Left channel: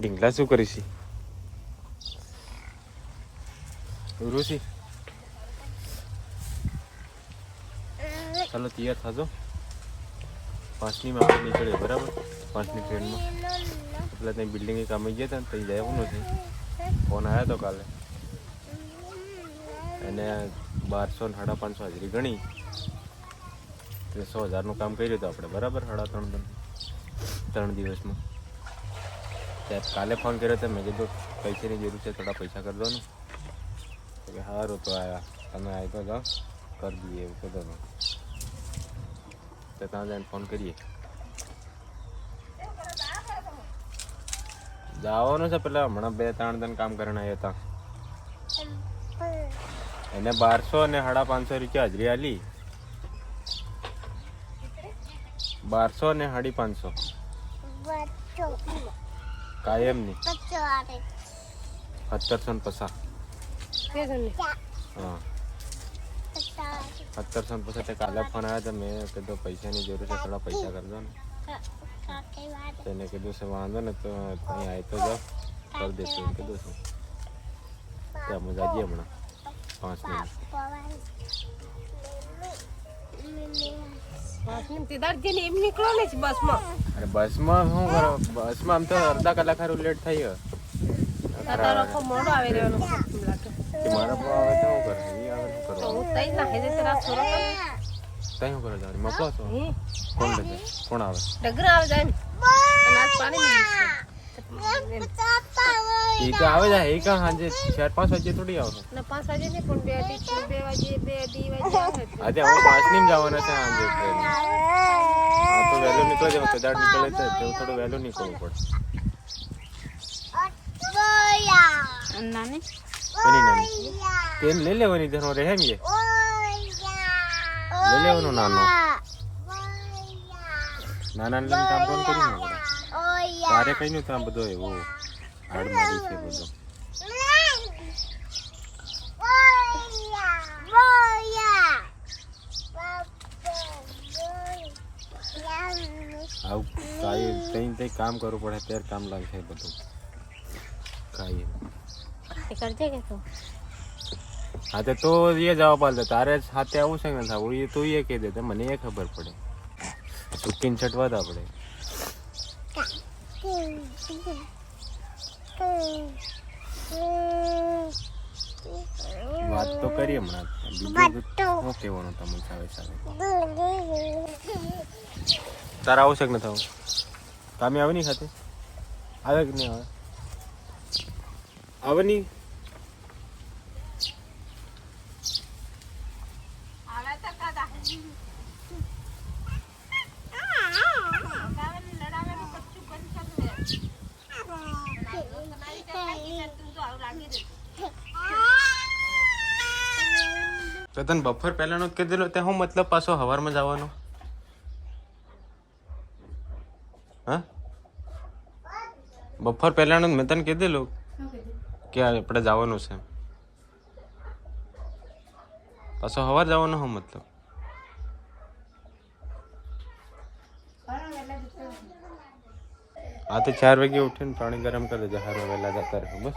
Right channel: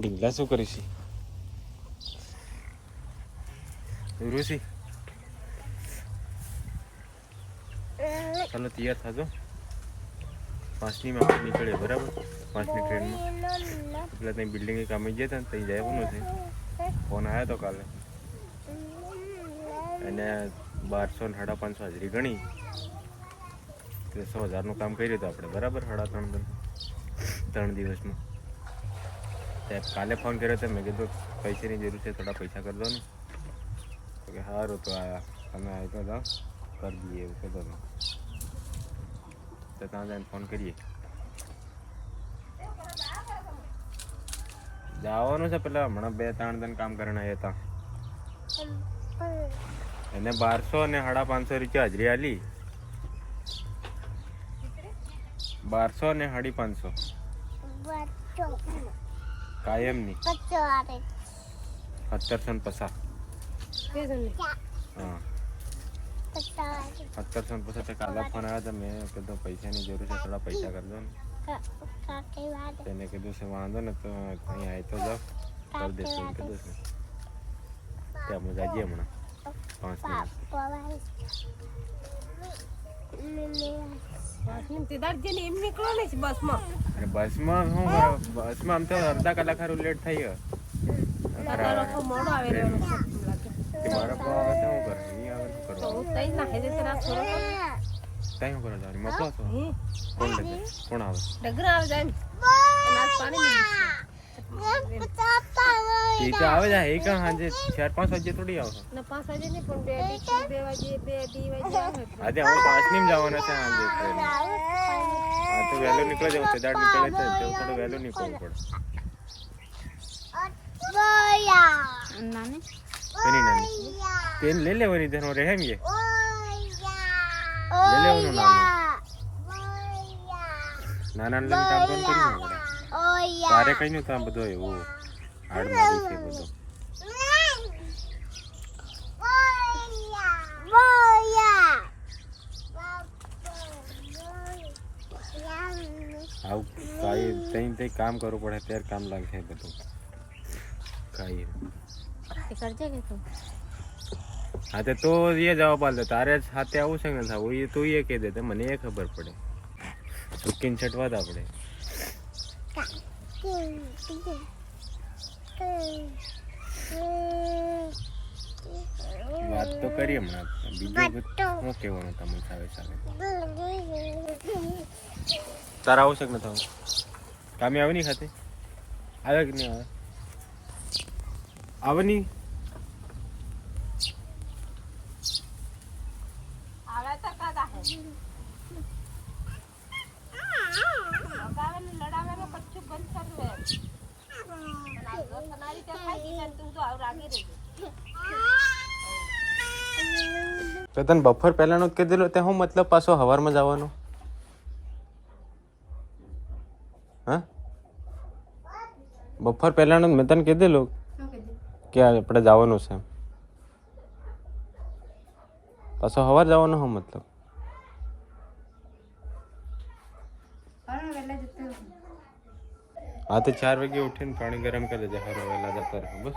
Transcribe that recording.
ઢીંગલા શું કરીશ ઋષિ? ચાલો તૈયાર થાજો, 5ની માં આપણે નીકળીએ બરાબર. 5ની ટ્રેનમાં પેલા ત્યાં બિલ્ડિંગે કામે ગયા હતા ને ત્યાં જવાનું છે. ફોન આવ્યો હતો કાલે, એને 1200-550 હાજરી ગણી, 100,000નું કામ કર્યું હતું આપણે બરાબર. 3 દિવસમાં. ત્યાં કાલે ફોન કર્યો હતો, મેં કીધું પૈસાની જરૂર છે, થોડા પૈસા કરી દો ને. તો કે સારું, તો આયા તમે આવી તો જાઓ કરી દઈએ એવું કીધું. તો ત્યાં જઈને ફોન કરીએ. જવાનું છે પેલા હમણાં 2-3 દિન કામ કરીને આવ્યા હતા. એને 1200 અને 550 રૂપિયા હાજરી આલી. 1200 અને 550 કાયમની 1750. હા 1750. કાલે ફોન આવ્યા હતા, મેં કીધું પૈસાની જરૂર છે, થોડા પૈસા કરી દો ને. તેને કીધું છે વાંધો ને, તો અહીં આવી તો જાઓ કરી દેશું એમ કીધું છે. ત્યાં મજા જઈએ હમણાં 5 મિનિટ. અરે બસમાં શું કરો? બસમાં આમ તો અડધા કલાક સારું લેટ થઈ ગયો. મારા પર આવે તો શું કરે? એ આવે શું કરવાનું? તઈ શું કરે? તારી મોકલો છો? કોણ લે? કોણ આવે? એ તો આવે જાય. એ કાં સાંજે 4-5 વાગે થોડી આવે. આજે હું 5ની જવાના છે સાંજે ટ્રેન. હા તો વહેલો નીકળે જાવ, તેદાડ નીકળે તો તેવું થોડું વહેલું નીકળવું પડે. નાની તેલ લઈ લેવાની, તેનો રહે ને લઈ લેવાનું. નાના લઈને કામ કોણ કરી ને પડે. તારે કઈ નતું આ બધો એવું હાડ મારી છે બધો. આવું કાંઈ તઈ કામ કરવું પડે ત્યારે કામ લાગશે બધું. કાંઈ હા તો એ જવાબ આપે. તારે સાથે આવું છે ને થવું, એ તું એ કહી દે, મને એ ખબર પડે. સુકીને છટવા દે આપણે. વાત તો કરી હમણાં. બીજું શું કહેવાનું તમને? સાવે તારા આવું છે કે ન થવું? કામે આવે નહીં ખાતે? આવે કે નહીં આવે? આવે નહીં? તો તને બપોર પહેલાનો જ કીધેલો, તે હું મતલબ પાછો સવારમાં જવાનો? હા બપોર પહેલાનો મેં તને કીધેલું કે આપણે જવાનું છે, પાછો સવાર જવાનો હું મતલબ? હા તો 4 વાગે ઉઠીને પાણી ગરમ કરી દેજે, સારું વહેલા જતા રહે બસ.